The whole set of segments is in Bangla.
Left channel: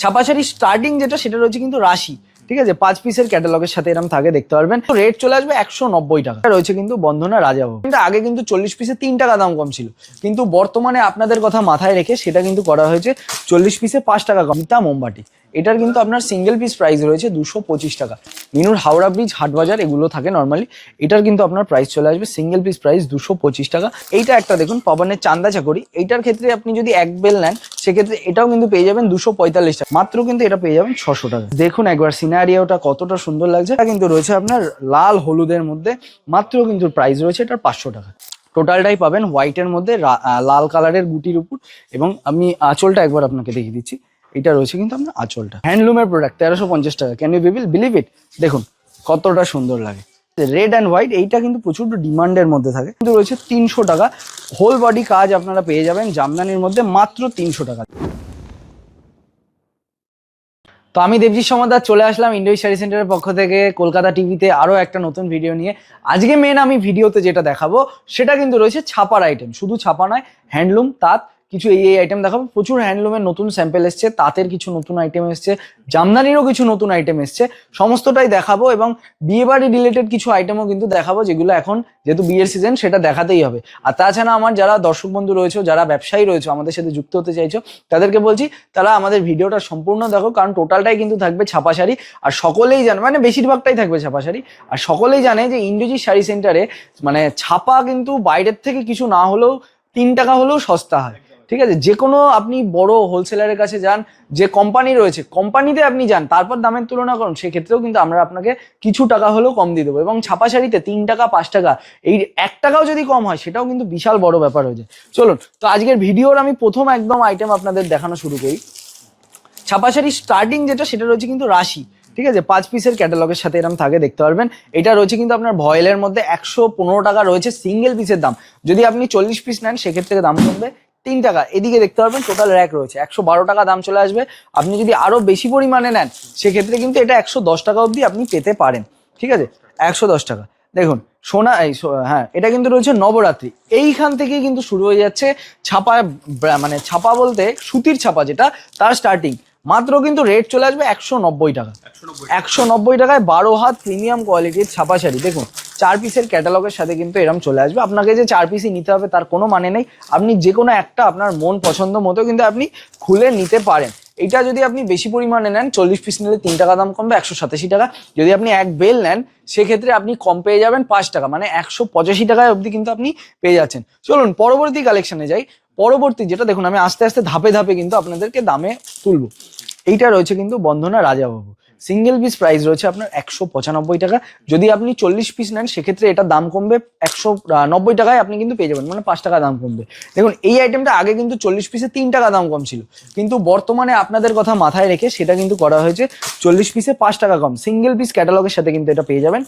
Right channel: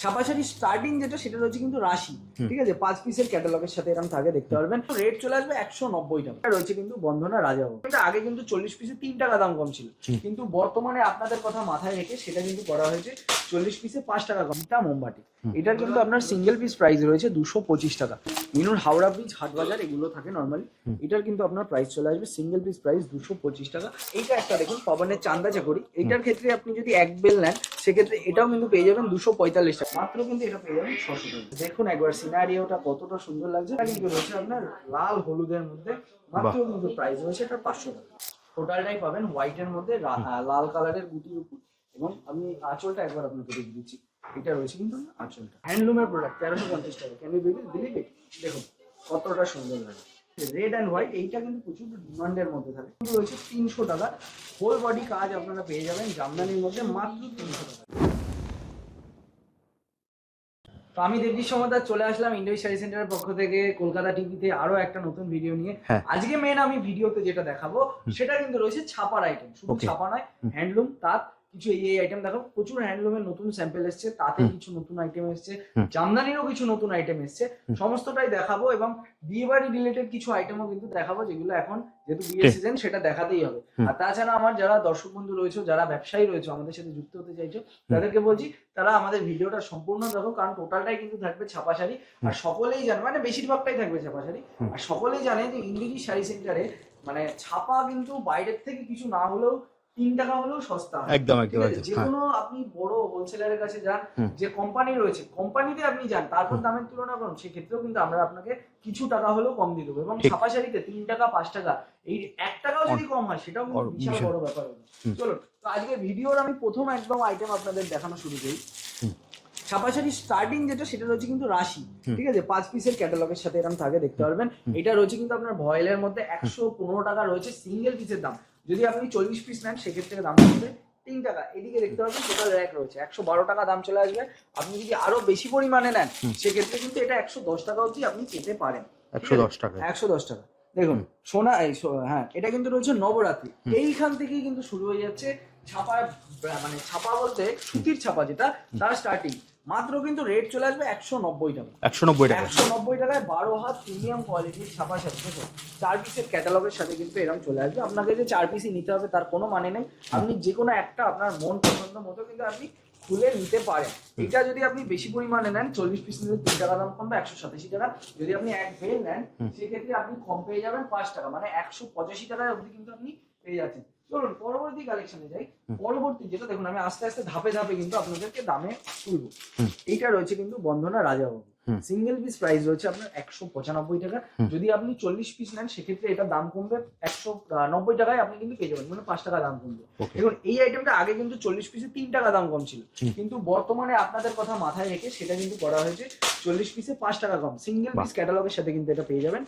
ছাপা শাড়ি স্টার্টিং যেটা সেটা রয়েছে কিন্তু রাশি। ঠিক আছে? পাঁচ পিসের ক্যাটালগের সাথে এরকম থাকে দেখতে পারবেন। রেট চলে আসবে একশো নব্বই টাকা। রয়েছে কিন্তু বন্ধনা রাজাবাবু। কিন্তু আগে কিন্তু চল্লিশ পিসে তিন টাকা দাম কম ছিল। কিন্তু বর্তমানে আপনাদের কথা মাথায় রেখে সেটা কিন্তু করা হয়েছে চল্লিশ পিসে পাঁচ টাকা কম। তা মোমবাটি এটার কিন্তু আপনার সিঙ্গেল পিস প্রাইস রয়েছে দুশো পঁচিশ টাকা। মিনুর হাওড়া ব্রিজ হাটবাজার এগুলো থাকে নর্মালি এটার কিন্তু আপনার প্রাইস চলে আসবে সিঙ্গেল পিস প্রাইস দুশো পঁচিশ টাকা। এইটা একটা দেখুন পবনের চান্দা চাকরি। এইটার ক্ষেত্রে আপনি যদি এক বেল নেন সেক্ষেত্রে এটাও কিন্তু পেয়ে যাবেন দুশো পঁয়তাল্লিশ টাকা। মাত্র কিন্তু এটা পেয়ে যাবেন ছশো টাকা। দেখুন একবার সিনারিওটা কতটা সুন্দর লাগছে। এটা কিন্তু রয়েছে আপনার লাল হলুদের মধ্যে মাত্র কিন্তু প্রাইস রয়েছে এটার পাঁচশো টাকা। টোটালটাই পাবেন হোয়াইটের মধ্যে লাল কালারের গুটির উপর। এবং আমি আঁচলটা একবার আপনাকে দেখিয়ে দিচ্ছি। এটা রয়েছে কিন্তু আপনার আঁচলটা। হ্যান্ডলুমের প্রোডাক্ট তেরোশো পঞ্চাশ টাকা। ক্যান ইউ বিল বিলিভ ইট দেখুন কতটা সুন্দর লাগে। রেড অ্যান্ড হোয়াইট এইটা কিন্তু প্রচুর ডিমান্ডের মধ্যে থাকে। কিন্তু রয়েছে তিনশো টাকা। হোল বডি কাজ আপনারা পেয়ে যাবেন জামদানির মধ্যে মাত্র তিনশো টাকা। তো আমি দেবজি সমাদার চলে আসলাম ইন্ডো স্টাডি সেন্টারের পক্ষ থেকে কলকাতা টিভিতে আরও একটা নতুন ভিডিও নিয়ে। হ্যাঁ। আজকে মেন আমি ভিডিওতে যেটা দেখাবো সেটা কিন্তু রয়েছে ছাপার আইটেম শুধু ছাপা নয় হ্যান্ডলুম তাঁত কিছু এই এই আইটেম দেখাবো। প্রচুর হ্যান্ডলুমের নতুন স্যাম্পেল এসছে তাঁতের কিছু নতুন আইটেম এসছে জামদানিরও কিছু নতুন আইটেম এসছে। সমস্তটাই দেখাবো এবং বিয়ে বাড়ি রিলেটেড কিছু আইটেমও কিন্তু দেখাবো যেগুলো এখন যেহেতু বিয়ের সিজন সেটা দেখাতেই হবে। আর তাছাড়া আমার যারা দর্শক বন্ধু রয়েছে যারা ব্যবসায়ী রয়েছে আমাদের সাথে যুক্ত হতে চাইছো তাদেরকে বলছি তারা আমাদের ভিডিওটা সম্পূর্ণ দেখো কারণ টোটালটাই কিন্তু থাকবে ছাপা শাড়ি আর সকলেই জানে মানে বেশিরভাগটাই থাকবে ছাপা শাড়ি আর সকলেই জানে যে ইন্ডোজি শাড়ি সেন্টারে মানে ছাপা কিন্তু বাইরের থেকে কিছু না হলেও তিন টাকা হলেও সস্তা হয়। একদম। ঠিক আছে? যে কোনো আপনি বড় হোলসেলারের কাছে যান যে কোম্পানি রয়েছে কোম্পানিতে আপনি যান তারপর দামের তুলনা করুন সেক্ষেত্রেও কিন্তু আমরা আপনাকে কিছু টাকা হলেও কম দিয়ে দেবো। এবং ছাপা শাড়িতে তিন টাকা পাঁচ টাকা এই এক টাকাও যদি কম হয় সেটাও কিন্তু বিশাল বড় ব্যাপার হয়ে যায়। চলুন তো আজকের ভিডিওর আমি প্রথম একদম আইটেম আপনাদের দেখানো শুরু করি। ছাপা শাড়ি স্টার্টিং যেটা সেটা রয়েছে কিন্তু রাশি। ঠিক আছে? পাঁচ পিসের ক্যাটালগের সাথে এরকম থাকে দেখতে পারবেন। এটা রয়েছে কিন্তু আপনার ভয়েলের মধ্যে একশো পনেরো টাকা রয়েছে সিঙ্গেল পিসের দাম। যদি আপনি চল্লিশ পিস নেন সেক্ষেত্রে দাম কমবে তিন টাকা। এদিকে দেখতে পারবেন টোটাল র্যাক রয়েছে। একশো বারো টাকা দাম চলে আসবে। আপনি যদি আরও বেশি পরিমাণে নেন সেক্ষেত্রে কিন্তু এটা একশো দশ টাকা অবধি আপনি পেতে পারেন। ঠিক আছে? একশো দশ টাকা। দেখুন সোনা এই হ্যাঁ এটা কিন্তু রয়েছে নবরাত্রি। এইখান থেকে কিন্তু শুরু হয়ে যাচ্ছে ছাপা মানে ছাপা বলতে সুতির ছাপা যেটা তার স্টার্টিং মাত্র কিন্তু রেট চলে আসবে একশো নব্বই টাকা। একশো নব্বই একশো নব্বই টাকায় বারো হাত প্রিমিয়াম কোয়ালিটির ছাপা শাড়ি দেখুন চার পিসের ক্যাটালগের সাথে কিন্তু এরম চলে আসবে। আপনাকে যে চার পিসই নিতে হবে তার কোনো মানে নেই। আপনি যে কোনো একটা আপনার মন পছন্দ মতো কিন্তু আপনি খুলে নিতে পারেন। এটা যদি আপনি বেশি পরিমাণে নেন চল্লিশ পিস নিলে তিন টাকা দাম কমবে একশো সাতাশি টাকা। যদি আপনি এক বেল নেন সেক্ষেত্রে আপনি কম পেয়ে যাবেন পাঁচ টাকা মানে একশো পঁচাশি টাকায় অবধি কিন্তু আপনি পেয়ে যাচ্ছেন। চলুন পরবর্তী কালেকশনে যাই। পরবর্তী যেটা দেখুন আমি আস্তে আস্তে ধাপে ধাপে কিন্তু আপনাদেরকে দামে তুলবো। এইটা রয়েছে কিন্তু Bandhana Rajababu. Single piece price রয়েছে আপনার একশো পঁচানব্বই টাকা। যদি আপনি চল্লিশ পিস নেন সেক্ষেত্রে এটা দাম কমবে একশো নব্বই টাকায় আপনি কিন্তু পেয়ে যাবেন মানে পাঁচ টাকা দাম কমবে। দেখুন এই আইটেমটা আগে কিন্তু চল্লিশ পিসে তিন টাকা দাম কম ছিল। কিন্তু বর্তমানে আপনাদের কথা মাথায় রেখে সেটা কিন্তু করা হয়েছে চল্লিশ পিসে পাঁচ টাকা কম। সিঙ্গেল পিস ক্যাটালগের সাথে কিন্তু এটা পেয়ে যাবেন।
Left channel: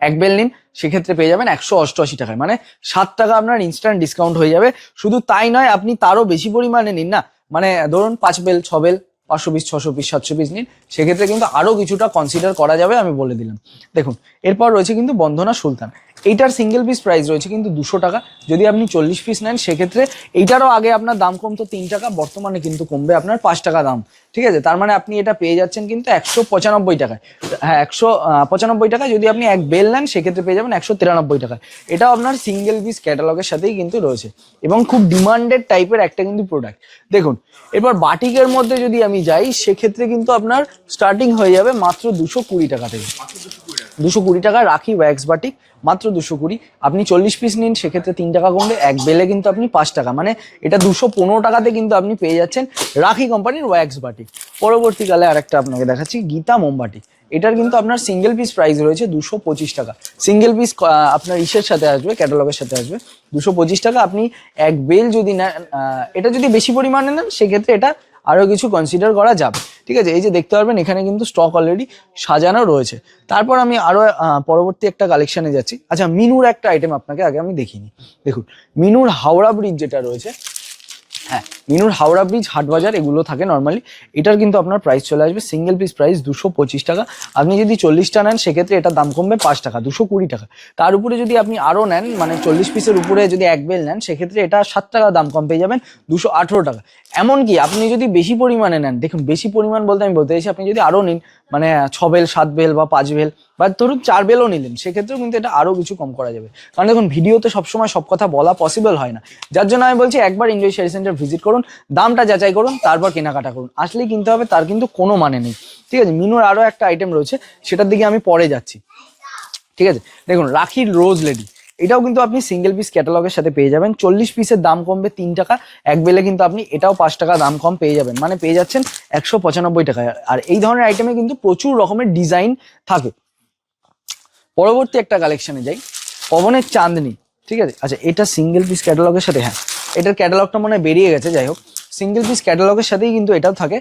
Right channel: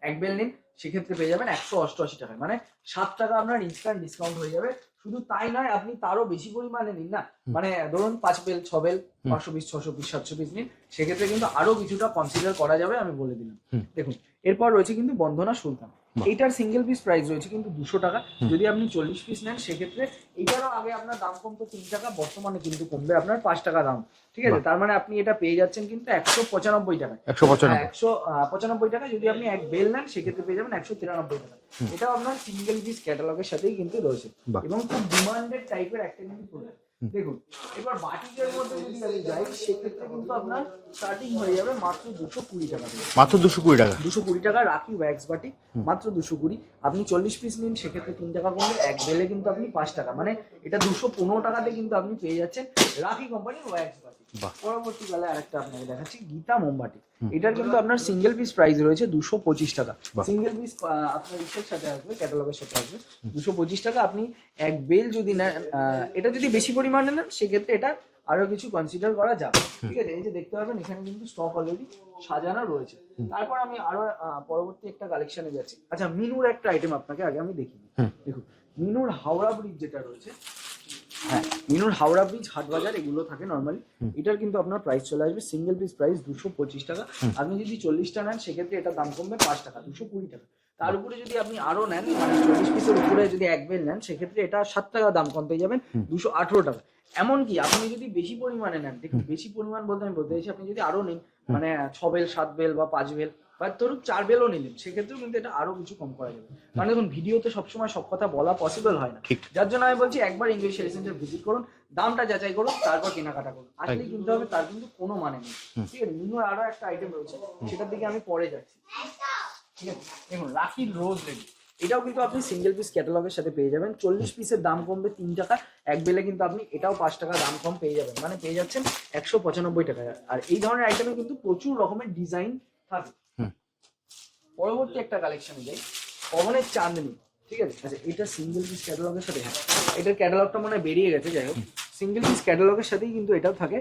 এক বেল নিন সেক্ষেত্রে পেয়ে যাবেন একশো অষ্টআশি টাকায়। মানে সাত টাকা আপনার ইনস্ট্যান্ট ডিসকাউন্ট হয়ে যাবে। শুধু তাই নয় আপনি তারও বেশি পরিমাণে নিন না। মানে ধরুন পাঁচ বেল ছ বেল পাঁচশো পিস ছশো পিস সাতশো পিস নিন সেক্ষেত্রে কিন্তু আরও কিছুটা কনসিডার করা যাবে আমি বলে দিলাম। দেখুন এরপর রয়েছে কিন্তু বন্ধনা সুলতান। এইটার সিঙ্গেল পিস প্রাইস রয়েছে কিন্তু দুশো টাকা। যদি আপনি চল্লিশ পিস নেন সেক্ষেত্রে এইটারও আগে আপনার দাম কমতো তিন টাকা বর্তমানে কিন্তু কমবে আপনার পাঁচ টাকা দাম। ঠিক আছে? তার মানে আপনি এটা পেয়ে যাচ্ছেন কিন্তু একশো পঁচানব্বই টাকায়। 195 হ্যাঁ একশো পঁচানব্বই টাকা যদি আপনি এক বেল নেন সেক্ষেত্রে পেয়ে যাবেন একশো তিরানব্বই টাকা এটাও আপনার সিঙ্গেল পিস ক্যাটালগের সাথেই কিন্তু রয়েছে। এবং খুব ডিমান্ডেড টাইপের একটা কিন্তু প্রোডাক্ট দেখুন এরপর বাটিকের মধ্যে যদি আমি যাই সেক্ষেত্রে কিন্তু আপনার স্টার্টিং হয়ে যাবে মাত্র দুশো কুড়ি টাকা থেকে। মাত্র দুশো কুড়ি টাকা। দুশো কুড়ি টাকা রাখি ওয়্যাক্স বাটিক মাত্র দুশো কুড়ি। আপনি চল্লিশ পিস নিন সেক্ষেত্রে তিন টাকা কমবে এক বেলে কিন্তু আপনি পাঁচ টাকা। মানে এটা দুশো পনেরো টাকাতে কিন্তু আপনি পেয়ে যাচ্ছেন রাখি কোম্পানির ওয়্যাক্স বাটিক। পরবর্তীকালে আরেকটা আপনাকে দেখাচ্ছি গীতা মোমবাটি এটার কিন্তু আপনার সিঙ্গেল পিস প্রাইস রয়েছে দুশো পঁচিশ টাকা। সিঙ্গেল পিস আপনার ইসের সাথে আসবে ক্যাটালগের সাথে আসবে দুশো পঁচিশ টাকা। আপনি এক বেল যদি নেন এটা যদি বেশি পরিমাণে নেন সেক্ষেত্রে এটা আরও কিছু কনসিডার করা যাবে। ঠিক আছে? এই যে দেখতে পারবেন এখানে কিন্তু স্টক অলরেডি সাজানো রয়েছে। তারপর আমি আরও পরবর্তী একটা কালেকশনে যাচ্ছি। আচ্ছা মিনুর একটা আইটেম আপনাকে আগে আমি দেখিনি। দেখুন মিনুর হাওড়া ব্রিজ যেটা রয়েছে হ্যাঁ মিনুর হাওড়া ব্রিজ হাটবাজার এগুলো থাকে নর্মালি এটার কিন্তু আপনার প্রাইস চলে আসবে। সিঙ্গেল পিস প্রাইস দুশো পঁচিশ টাকা। আপনি যদি চল্লিশটা নেন সেক্ষেত্রে এটার দাম কমবে পাঁচ টাকা দুশো কুড়ি টাকা। তার উপরে যদি আপনি আরও নেন মানে চল্লিশ পিসের উপরে যদি এক বেল নেন সেক্ষেত্রে এটা সাত টাকা দাম কম পেয়ে যাবেন দুশো আঠেরো টাকা। এমনকি আপনি যদি বেশি পরিমাণে নেন দেখুন বেশি পরিমাণ বলতে আমি বলতে চাইছি আপনি যদি আরও নিন মানে ছ বেল সাত বেল বা পাঁচ বেল বা ধরুন চার বেলও নিলেন সেক্ষেত্রেও কিন্তু এটা আরও কিছু কম করা যাবে। কারণ দেখুন ভিডিওতে সবসময় সব কথা বলা পসিবল হয় না। যার জন্য আমি বলছি একবার এনজয় শেয়ার সেন্টার ভিজিট করুন দামটা যাচাই করুন তারপর কেনাকাটা করুন। আসলেই কিনতে হবে তার কিন্তু কোনো মানে নেই। ঠিক আছে মিনুর আরও একটা আইটেম রয়েছে সেটার দিকে আমি পরে যাচ্ছি। ঠিক আছে দেখুন রাখির রোজ লেডি এটাও কিন্তু আপনি সিঙ্গেল পিস ক্যাটালগের সাথে পেয়ে যাবেন। চল্লিশ পিসের দাম কমবে তিন টাকা এক বেলে কিন্তু আপনি এটাও পাঁচ টাকা দাম কম পেয়ে যাবেন। মানে পেয়ে যাচ্ছেন একশো পঁচানব্বই টাকায়। আর এই ধরনের আইটেমে কিন্তু প্রচুর রকমের ডিজাইন থাকে। পরবর্তী একটা কালেকশনে যাই। পবনের চাঁদনি, ঠিক আছে? আচ্ছা এটা সিঙ্গেল পিস ক্যাটালগের সাথে হ্যাঁ এটার ক্যাটালগটা মনে বেরিয়ে গেছে, যাই হোক। সিঙ্গেল পিস ক্যাটালগের সাথেই কিন্তু এটাও থাকে।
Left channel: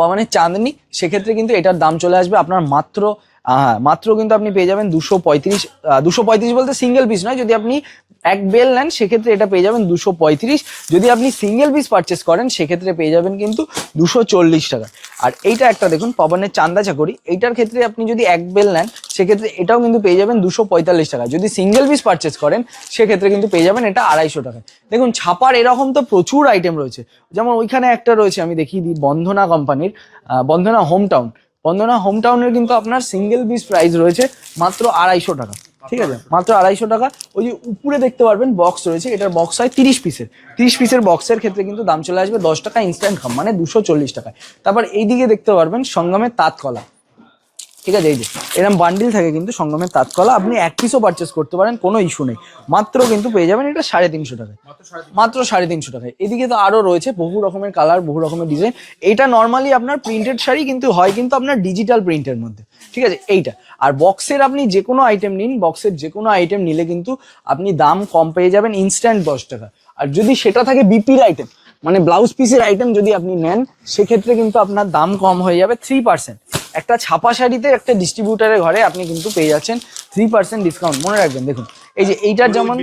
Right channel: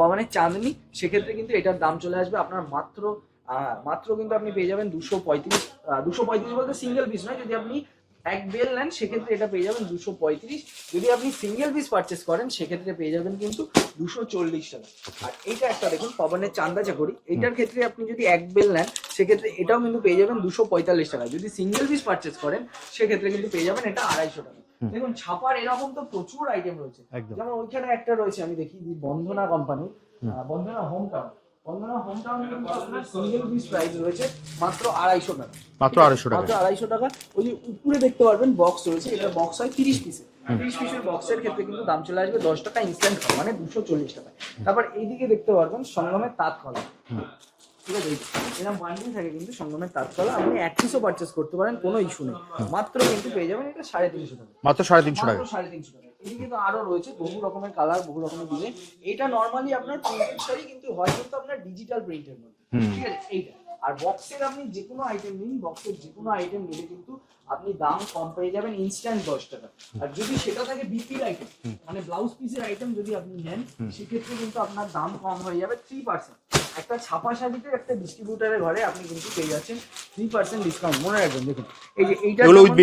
পবনের চাঁদনি, সেক্ষেত্রে কিন্তু এটার দাম চলে আসবে আপনার মাত্র আহ, মাত্র কিন্তু আপনি পেয়ে যাবেন দুশো পঁয়ত্রিশ দুশো পঁয়ত্রিশ বলতে সিঙ্গেল পিস নয়। যদি আপনি এক বেল নেন সেক্ষেত্রে এটা পেয়ে যাবেন দুশো পঁয়ত্রিশ। যদি আপনি সিঙ্গেল পিস পারচেস করেন সেক্ষেত্রে পেয়ে যাবেন কিন্তু দুশো চল্লিশ টাকা। আর এইটা একটা দেখুন পবনের চান্দা চাকরি। এইটার ক্ষেত্রে আপনি যদি এক বেল নেন সেক্ষেত্রে এটাও কিন্তু পেয়ে যাবেন দুশো পঁয়তাল্লিশ টাকা। যদি সিঙ্গেল পিস পারচেস করেন সেক্ষেত্রে কিন্তু পেয়ে যাবেন এটা আড়াইশো টাকা। দেখুন ছাপার এরকম তো প্রচুর আইটেম রয়েছে। যেমন ওইখানে একটা রয়েছে আমি দেখিয়ে দিই বন্ধনা কোম্পানির Bandhana home town Bandhana home টাউনের কিন্তু আপনার সিঙ্গেল পিস প্রাইস রয়েছে মাত্র আড়াইশো টাকা মাত্র ঠিক আছে? 250 টাকা। মাত্র আড়াইশো টাকা। ওই যে উপরে দেখতে পারবেন বক্স রয়েছে এটার বক্স হয় তিরিশ পিসের তিরিশ পিসের বক্সের ক্ষেত্রে কিন্তু দাম চলে আসবে দশ টাকা ইনস্ট্যান্ট কম মানে দুশো চল্লিশ টাকায়। তারপর এইদিকে দেখতে পারবেন সঙ্গমের তাঁতকলা। ঠিক আছে এই যে এরকম বান্ডিল থাকে কিন্তু সঙ্গমের তাঁতকলা আপনি এক পিসও পারচেস করতে পারেন কোনো ইস্যু নেই। মাত্র কিন্তু পেয়ে যাবেন এটা সাড়ে তিনশো টাকায়। মাত্র সাড়ে তিনশো মাত্র সাড়ে তিনশো টাকায়। এদিকে তো আরও রয়েছে বহু রকমের কালার বহু রকমের ডিজাইন এটা নর্মালি আপনার প্রিন্টেড শাড়ি কিন্তু হয় কিন্তু আপনার ডিজিটাল প্রিন্টের মধ্যে। ঠিক আছে এইটা। আর বক্সের আপনি যে কোনো আইটেম নিন বক্সের যে কোনো আইটেম নিলে কিন্তু আপনি দাম কম পেয়ে যাবেন ইনস্ট্যান্ট দশ টাকা। আর যদি সেটা থাকে বিপির আইটেম মানে ব্লাউজ পিসের আইটেম যদি আপনি নেন সেক্ষেত্রে কিন্তু আপনার দাম কম হয়ে যাবে থ্রি পার্সেন্ট একটা ছাপা শাড়িতে একটা ডিস্ট্রিবিউটারের ঘরে আপনি কিন্তু পেয়ে যাচ্ছেন থ্রি পার্সেন্ট ডিসকাউন্ট মনে রাখবেন দেখুন এই যে এইটা যেমন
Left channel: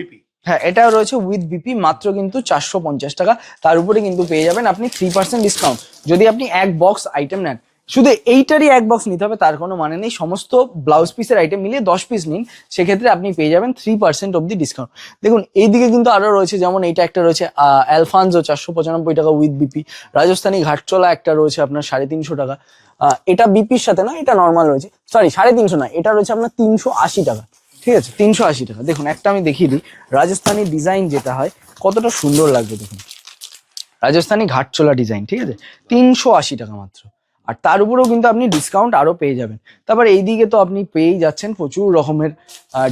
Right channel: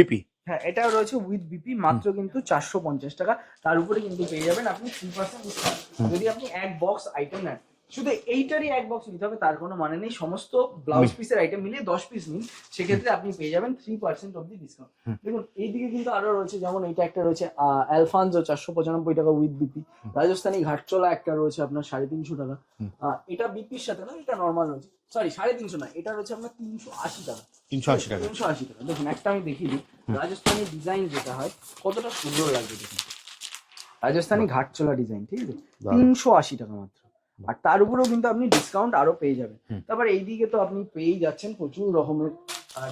হ্যাঁ এটা রয়েছে উইথ বিপি মাত্র কিন্তু চারশো পঞ্চাশ টাকা। তার উপরে কিন্তু পেয়ে যাবেন আপনি থ্রি পার্সেন্ট ডিসকাউন্ট যদি আপনি এক বক্স আইটেম নেন শুধু এইটারই এক বক্স নিতে হবে তার কোনো মানে নেই। সমস্ত ব্লাউজ পিসের আইটেম মিলিয়ে দশ পিস নিন সেক্ষেত্রে আপনি পেয়ে যাবেন থ্রি পার্সেন্ট অব্দি ডিসকাউন্ট দেখুন এইদিকে কিন্তু আরও রয়েছে যেমন এইটা একটা রয়েছে অ্যালফানজো চারশো পঁচানব্বই টাকা উইথ বিপি রাজস্থানী ঘাটচলা একটা রয়েছে আপনার সাড়ে তিনশো টাকা। এটা বিপির সাথে না এটা নর্মাল রয়েছে। সরি সাড়ে তিনশো না এটা রয়েছে আপনার তিনশো আশি টাকা। ঠিক আছে? তিনশো আশি টাকা। দেখুন একটা আমি দেখিয়ে দিই। রাজস্থানী ডিজাইন যেটা হয় কতটা সুন্দর লাগবে দেখুন। রাজস্থানী ঘাটচোলা ডিজাইন ঠিক আছে? তিনশো আশি টাকা মাত্র। আর তার উপরেও কিন্তু আপনি ডিসকাউন্ট আরও পেয়ে যাবেন। তারপর এইদিকে তো আপনি পেয়েই যাচ্ছেন প্রচুর রকমের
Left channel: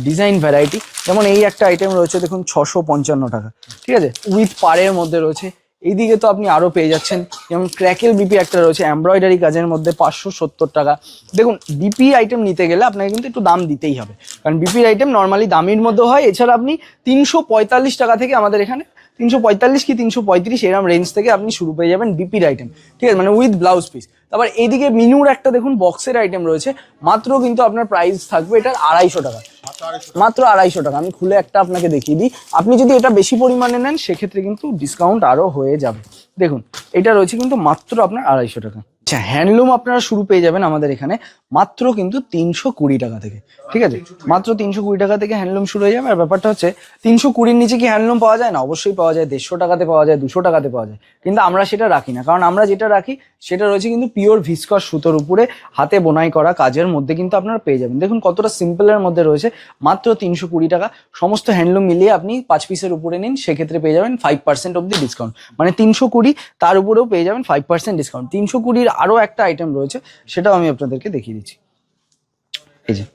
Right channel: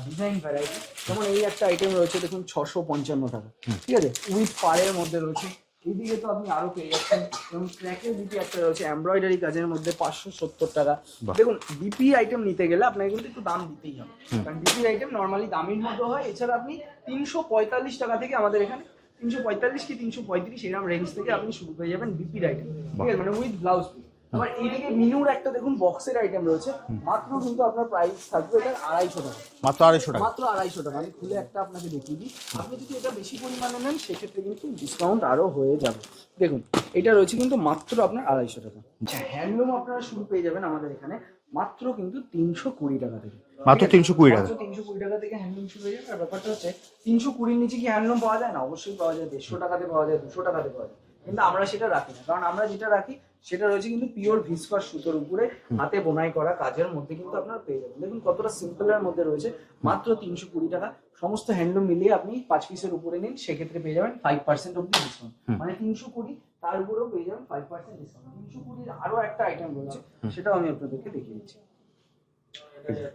ডিজাইন ভ্যারাইটি যেমন এই একটা আইটেম রয়েছে দেখুন ছশো পঞ্চান্ন টাকা। ঠিক আছে? উইথ পাড়ের মধ্যে রয়েছে। এইদিকে তো আপনি আরও পেয়ে যাচ্ছেন। যেমন ক্র্যাকেল বিপি একটা রয়েছে এমব্রয়ডারি কাজের মধ্যে পাঁচশো সত্তর টাকা। দেখুন বিপি আইটেম নিতে গেলে আপনাকে কিন্তু একটু দাম দিতেই হবে। কারণ বিপির আইটেম নর্মালি দামের মধ্যে হয়। এছাড়া আপনি তিনশো পঁয়তাল্লিশ টাকা থেকে আমাদের এখানে তিনশো পঁয়তাল্লিশ কি তিনশো পঁয়ত্রিশ এরম রেঞ্জ থেকে আপনি শুরু পেয়ে যাবেন বিপির আইটেম ঠিক আছে? মানে উইথ ব্লাউজ পিস তারপর এইদিকে মিনুর একটা দেখুন বক্সের আইটেম রয়েছে। মাত্র কিন্তু আপনার প্রাইস থাকবে এটার আড়াইশো টাকা। মাত্র আড়াইশো টাকা। মাত্র আড়াইশো টাকা। আমি খুলে একটা আপনাকে দেখিয়ে দিই। আপনি যদি এটা বেশি পরিমাণে নেন সেক্ষেত্রে কিন্তু ডিসকাউন্ট আরও হয়ে যাবে। দেখুন এটা রয়েছে কিন্তু মাত্র আপনার আড়াইশো টাকা। আচ্ছা হ্যান্ডলুম আপনারা শুরু পেয়ে যাবেন আমাদের এখানে। মাত্র কিন্তু তিনশো কুড়ি টাকা থেকে। ঠিক আছে? মাত্র তিনশো কুড়ি টাকা থেকে হ্যান্ডলুম শুরু হয়ে যাবে। আর ব্যাপারটা হচ্ছে তিনশো কুড়ির নিচে কি হ্যান্ডলুম পাওয়া যায়? না অবশ্যই পাওয়া যায়। দেড়শো টাকাতে পাওয়া যায় দুশো টাকাতে পাওয়া যায়। কিন্তু আমরা সেটা রাখি না। কারণ আমরা যেটা রাখি সেটা রয়েছে কিন্তু পিওর ভিসকস সুতোর উপরে হাতে বোনাই করা কাজের মধ্যে কিন্তু আপনারা পেয়ে যাবেন। দেখুন কতটা সিম্পলের মধ্যে রয়েছে। মাত্র তিনশো কুড়ি টাকা। সমস্ত হ্যান্ডলুম মিলিয়ে আপনি পাঁচ পিসের উপরে নিন সেক্ষেত্রে পেয়ে যাবেন ফাইভ পার্সেন্ট অব্দি ডিসকাউন্ট মানে তিনশো কুড়ি তার উপরেও পেয়ে যাবেন ফাইভ পার্সেন্ট ডিসকাউন্ট তিনশো কুড়ির আরও একটা আইটেম রয়েছে সেটাও আমি আপনাদেরকে দেখিয়ে দিচ্ছি। এই যে।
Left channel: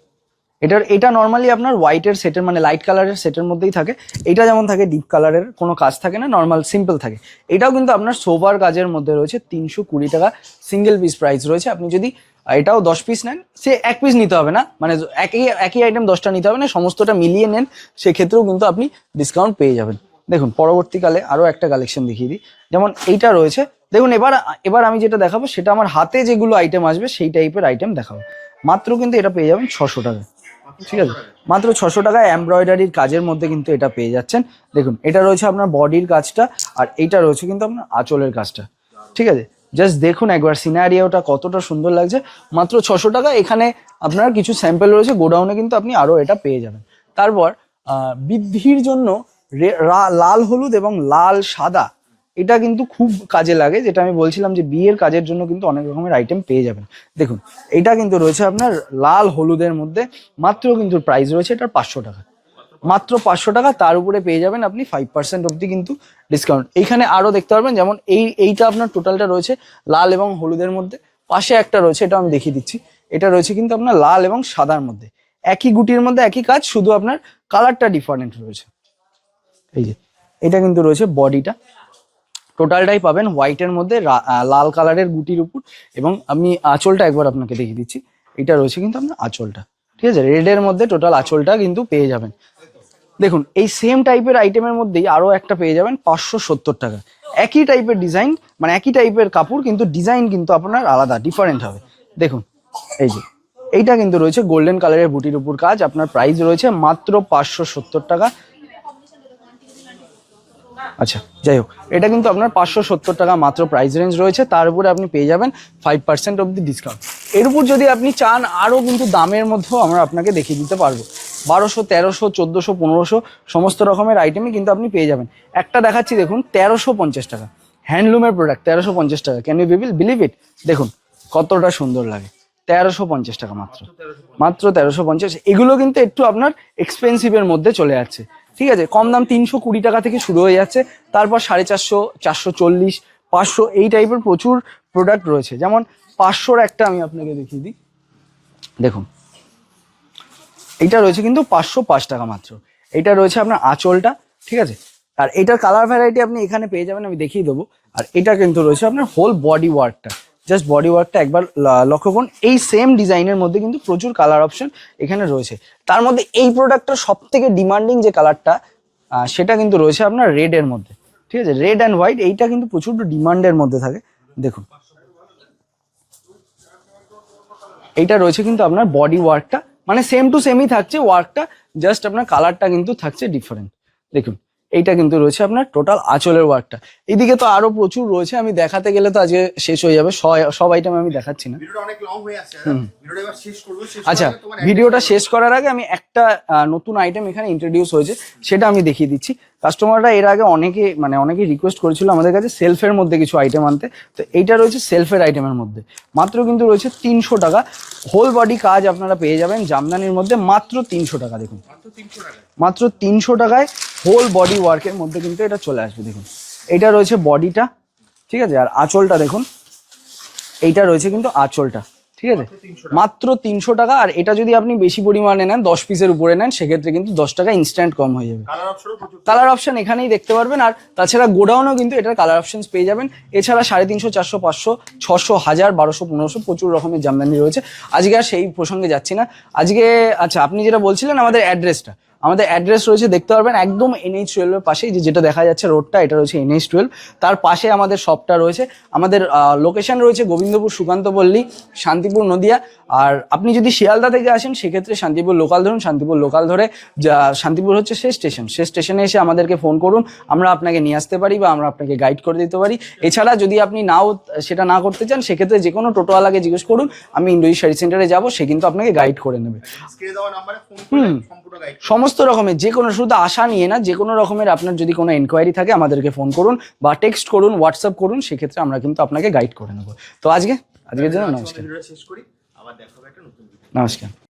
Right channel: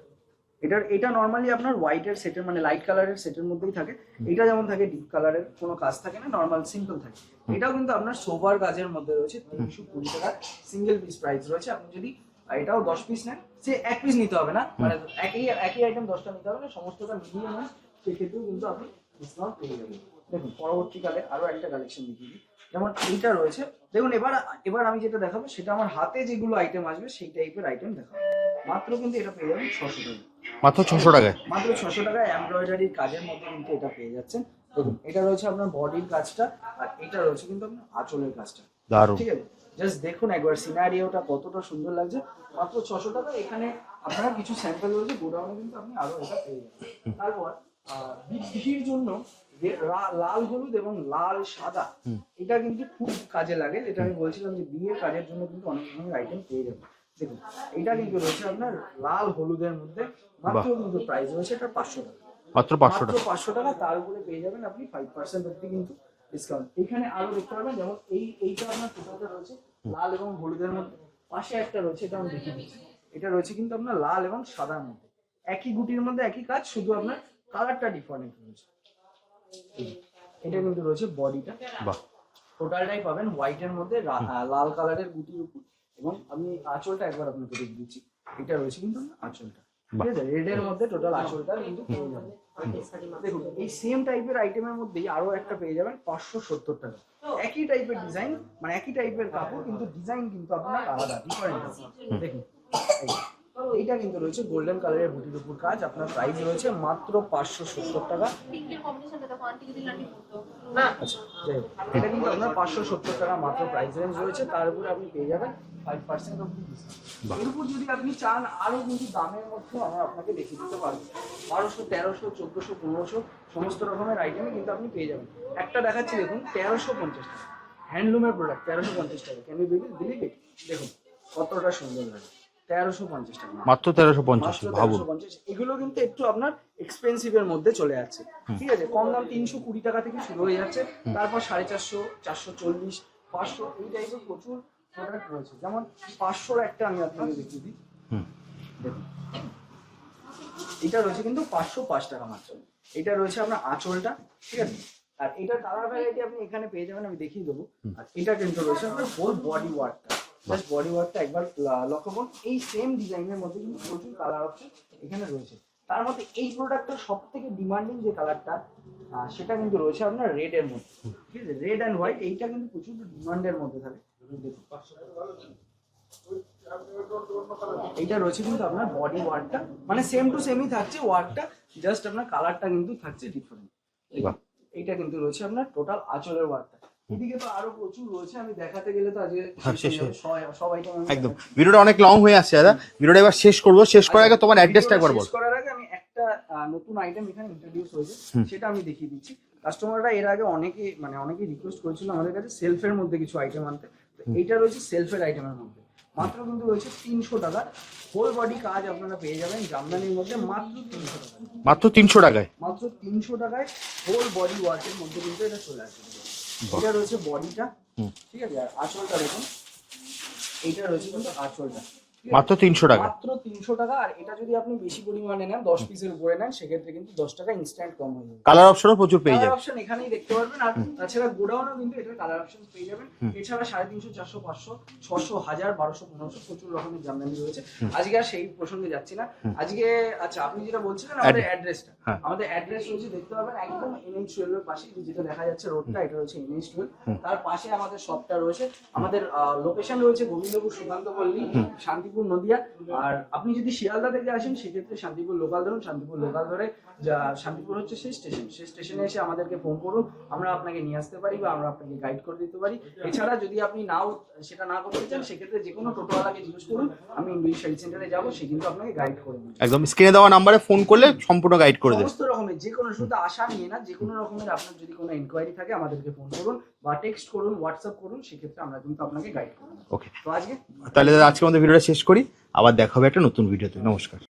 এটার, এটা নর্মালি আপনার হোয়াইটের সেটের মানে লাইট কালারের সেটের মধ্যেই থাকে। এটা যেমন থাকে ডিপ কালারের কোনো কাজ থাকে না নর্মাল সিম্পল থাকে। এটাও কিন্তু আপনার সোভার কাজের মধ্যে রয়েছে, তিনশো কুড়ি টাকা সিঙ্গেল পিস প্রাইস রয়েছে। আপনি যদি এটাও দশ পিস নেন, সে এক পিস নিতে হবে না। মানে একই একই আইটেম দশটা নিতে হবে না, সমস্তটা মিলিয়ে নেন, সেক্ষেত্রেও কিন্তু আপনি ডিসকাউন্ট পেয়ে যাবেন। দেখুন, পরবর্তীকালে আরও একটা কালেকশন দেখিয়ে দিই। যেমন এইটা রয়েছে, দেখুন, এবার এবার আমি যেটা দেখাবো, সেটা আমার হাতে যেগুলো আইটেম আসবে, সেই টাইপের আইটেম দেখাবো। মাত্র কিন্তু এটা পেয়ে যাবেন ছশো টাকা। মাত্র ছশো? টাকায়। মাত্র ছশো টাকায় এমব্রয়ডারির কাজের মধ্যে কিন্তু এটা পেয়ে যাচ্ছেন। দেখুন এটা রয়েছে আপনার বডির কাজটা আর এটা রয়েছে কিন্তু আপনার আঁচলের কাজটা। ঠিক আছে? জাস্ট দেখুন একবার সিনারিওটা কতটা সুন্দর লাগছে। মাত্র ছশো টাকা এখানে আপনার কিছু স্যাম্পেল রয়েছে গোডাউনে কিন্তু আপনি আরও এটা পেয়ে যাবেন। তারপর আহ, বৃদ্ধির জন্য লাল হলুদ এবং লাল সাদা এটা কিন্তু খুব কাজে লাগে যেটা আমি বলছিলাম যে বিয়ের কাজের জন্য কিন্তু অনেক রকমের আইটেম পেয়ে যাবেন। দেখুন এটা কিন্তু রয়েছে আপনার লাল হলুদের মধ্যে মাত্র কিন্তু প্রাইস রয়েছে এটা পাঁচশো টাকা। মাত্র পাঁচশো টাকা। তার উপরে পেয়ে যাবেন আপনি ফাইভ পার্সেন্ট অব্দি কিন্তু ডিসকাউন্ট এইখানে আরও দেখতে পারবেন যেমন এই এইটা আপনার টোটালটা রয়েছে লাল এবং হলুদের মধ্যে। পাশে একটা রয়েছে এটা আমি দেখিয়ে দিচ্ছি। এটা রয়েছে কিন্তু আপনার লাল এবং সাদার মধ্যে। একই গুটির মধ্যে একই কাজ শুধু আপনার কালারটা ডিফারেন্ট রয়েছে। এই যে এটা কিন্তু রয়েছে বডিটা টোটালটাই পাবেন হোয়াইটের মধ্যে লাল কালারের গুটির উপর। এবং আমি আঁচলটা একবার আপনাকে দেখিয়ে দিচ্ছি। এটা রয়েছে কিন্তু আপনার আঁচলটা। ঠিক আছে? রেডের মধ্যে টোটাল আঁচলটা কিন্তু পেয়ে যাবেন। দেখুন এই সেম টাইপের আইটেমের মধ্যেই আরও একটা পেয়ে যাবেন পাঁচশো সত্তর টাকা। একই টাইপের ডিজাইন মানে একই টাইপের কাপড় কিন্তু ডিজাইন কিন্তু আপনার আলাদা ডিফারেন্ট হবে। দেখুন এই যে এইটা কিন্তু রয়েছে গোল্ডেন কালারের বুটির উপর কাজ। আপনার প্রাইস রয়েছে মাত্র পাঁচশো সত্তর টাকা। আচ্ছা যাই হোক, এটা কিন্তু আপনার পাঁচশো সত্তর টাকা মাত্র প্রাইস রেঞ্জ রয়েছে। তার উপরে আপনি পেয়ে যাবেন ফাইভ পার্সেন্ট অব্দি ডিসকাউন্ট এর উপর যদি আপনি চান, আরও কিন্তু দামের মধ্যেও আমরা আপনাকে দেখিয়ে দিতে পারব। বারোশো, তেরোশো, চোদ্দোশো, পনেরোশো, সমস্ত রকমের আইটেমই কিন্তু আপনি পেয়ে যাবেন। একটা দেখাচ্ছি, দেখুন, তেরোশো পঞ্চাশ টাকা। হ্যান্ডলুমের প্রোডাক্ট তেরোশো পঞ্চাশ টাকা। ক্যান ইউ বিল বিলিভ ইট দেখুন, কতটা সুন্দর লাগে। তেরোশো পঞ্চাশ টাকা মাত্র। তেরোশো মাত্র তেরোশো পঞ্চাশ। এগুলো কিন্তু একটু আপনার এক্সপেন্সিভের মধ্যে চলে যাচ্ছে ঠিক আছে? কম দাম তিনশো কুড়ি টাকা থেকে শুরু হয়ে যাচ্ছে। তারপর সাড়ে চারশো চারশো চল্লিশ পাঁচশো এই টাইপের প্রচুর প্রোডাক্ট রয়েছে। যেমন পাঁচশোর একটা আমি আপনাকে দেখিয়ে দিই। দেখুন। এইটা রয়েছে কিন্তু পাঁচশো পাঁচ টাকা মাত্র। এটা রয়েছে আপনার আঁচলটা। ঠিক আছে? আর এটার কালার ভ্যারাইটি আপনি এখানে পেয়ে যাবেন আমি দেখিয়ে দেবো। আর এটা কিন্তু রয়েছে আপনার হোল বডি ওয়ার্কটা জাস্ট বডি ওয়ার্কটা একবার লক্ষ্য করুন, এই সেম ডিজাইনের মধ্যে কিন্তু প্রচুর কালার অপশন এখানে রয়েছে। তার মধ্যে এই প্রোডাক্টটার সব থেকে ডিমান্ডিং যে কালারটা সেটা কিন্তু রয়েছে আপনার রেড এর মধ্যে। ঠিক আছে? রেড অ্যান্ড হোয়াইট এইটা কিন্তু প্রচুর ডিমান্ডের মধ্যে থাকে। দেখুন। এইটা রয়েছে কিন্তু আপনার বডি ওয়ার্কটা মানে সেম টু সেমই থাকছে ওয়ার্কটা জাস্ট আপনার কালারটা কিন্তু থাকছে ডিফারেন্ট দেখুন। এইটা কিন্তু রয়েছে আপনার টোটাল আঁচলের ওয়ার্কটা এদিকে তো আরও প্রচুর রয়েছে আমি দেখাতে গেলে তো আজকে শেষ হয়ে যাবে। সব- সব আইটেম আমি দেখাচ্ছি না। ভিডিওটা অনেক লং হয়ে আসছে দাদা। ভিডিওটা এবার শেষ করব। শেষ করার আচ্ছা আগে তোমার ভিডিওটা শেষ করার আগে আমি একটা নতুন আইটেম এখানে ইন্ট্রোডিউস হয়েছে সেটা আমি দেখিয়ে দিচ্ছি। কাস্টমাররা এর আগে অনেকে মানে অনেকে রিকোয়েস্ট করেছিল আমাদের কাছে সেলফের মধ্যে কিছু আইটেম আনতে। তো এইটা রয়েছে সেলফের আইটেমের মধ্যে। মাত্র কিন্তু রয়েছে তিনশো টাকা। হোল বডি কাজ আপনারা পেয়ে যাবেন জামদানির মধ্যে মাত্র তিনশো টাকা দেখুন। মাত্র তিনশো টাকায়? মাত্র তিনশো টাকায় হোল বডি ওয়ার্কের মধ্যে কিন্তু এটা চলে আসবে দেখুন। এটা রয়েছে বডিটা ঠিক আছে? আর আঁচলটা দেখুন। এইটা রয়েছে কিন্তু আঁচলটা। ঠিক আছে? মাত্র তিনশো টাকা। মাত্র তিনশো টাকা আর এটা যদি আপনি বেশি পরিমাণে নেন দশ পিসের উপরে নেন সেক্ষেত্রে কিন্তু দশ টাকা ইনস্ট্যান্ট কম হয়ে যাবে। কালার অপশনও প্রচুর কালার অপশন এখানেই দেখতে পারবেন আর তাছাড়া গোডাউনও কিন্তু এটার কালার অপশন পেয়ে যাবেন। এছাড়া সাড়ে তিনশো চারশো পাঁচশো ছশো হাজার বারোশো পনেরোশো প্রচুর রকমের জামদানি রয়েছে। আজকে আর সেই প্রসঙ্গে যাচ্ছি না। আজকে আচ্ছা আপনি যেটা বলছিলেন আমাদের অ্যাড্রেসটা। আমাদের অ্যাড্রেস রয়েছে দেখতে পারবেন একদম এনএইচ টুয়েলভের পাশেই যে যেটা দেখা যাচ্ছে রোডটা এটা রয়েছে এনএইচ টুয়েলভ তার পাশে আমাদের শপটা রয়েছে। আমাদের লোকেশন রয়েছে গোবিন্দপুর সুকান্ত পল্লী শান্তিপুর নদিয়া। আর আপনি যদি শিয়ালদা থেকে আসেন সেক্ষেত্রে শান্তিপুর লোকাল ধরুন শান্তিপুর লোকাল ধরে যা- শান্তিপুর হচ্ছে শেষ স্টেশন শেষ স্টেশনে এসে আমাদেরকে ফোন করুন আমরা আপনাকে নিয়ে আসতে পারি বা আমরা আপনাকে গাইড করে দিতে পারি। এছাড়া যদি আপনি নাও সেটা না করতে চান সেক্ষেত্রে যে কোনো টোটোওয়ালাকে জিজ্ঞেস করুন আমি ইন্ডোজি শাড়ি সেন্টারে যাব সে কিন্তু আপনাকে গাইড করে নেবে। একদম স্ক্রিনে দেওয়া নাম্বারে ফোন করলে সম্পূর্ণ গাইড করে সমস্ত রকমের যে কোনো শুধু আশা নিয়ে না যে কোনো রকমের আপনার যদি কোনো এনকোয়ারি থাকে আমাদেরকে ফোন করুন বা টেক্সট করুন হোয়াটসঅ্যাপ করুন সেক্ষেত্রে আমরা কিন্তু আপনাকে গাইড করে নেব। তো আজকে তাহলে আজকে আমাদের ভিডিওটা শেষ করি। আবার দেখা হবে একটা নতুন ভিডিও। নমস্কার।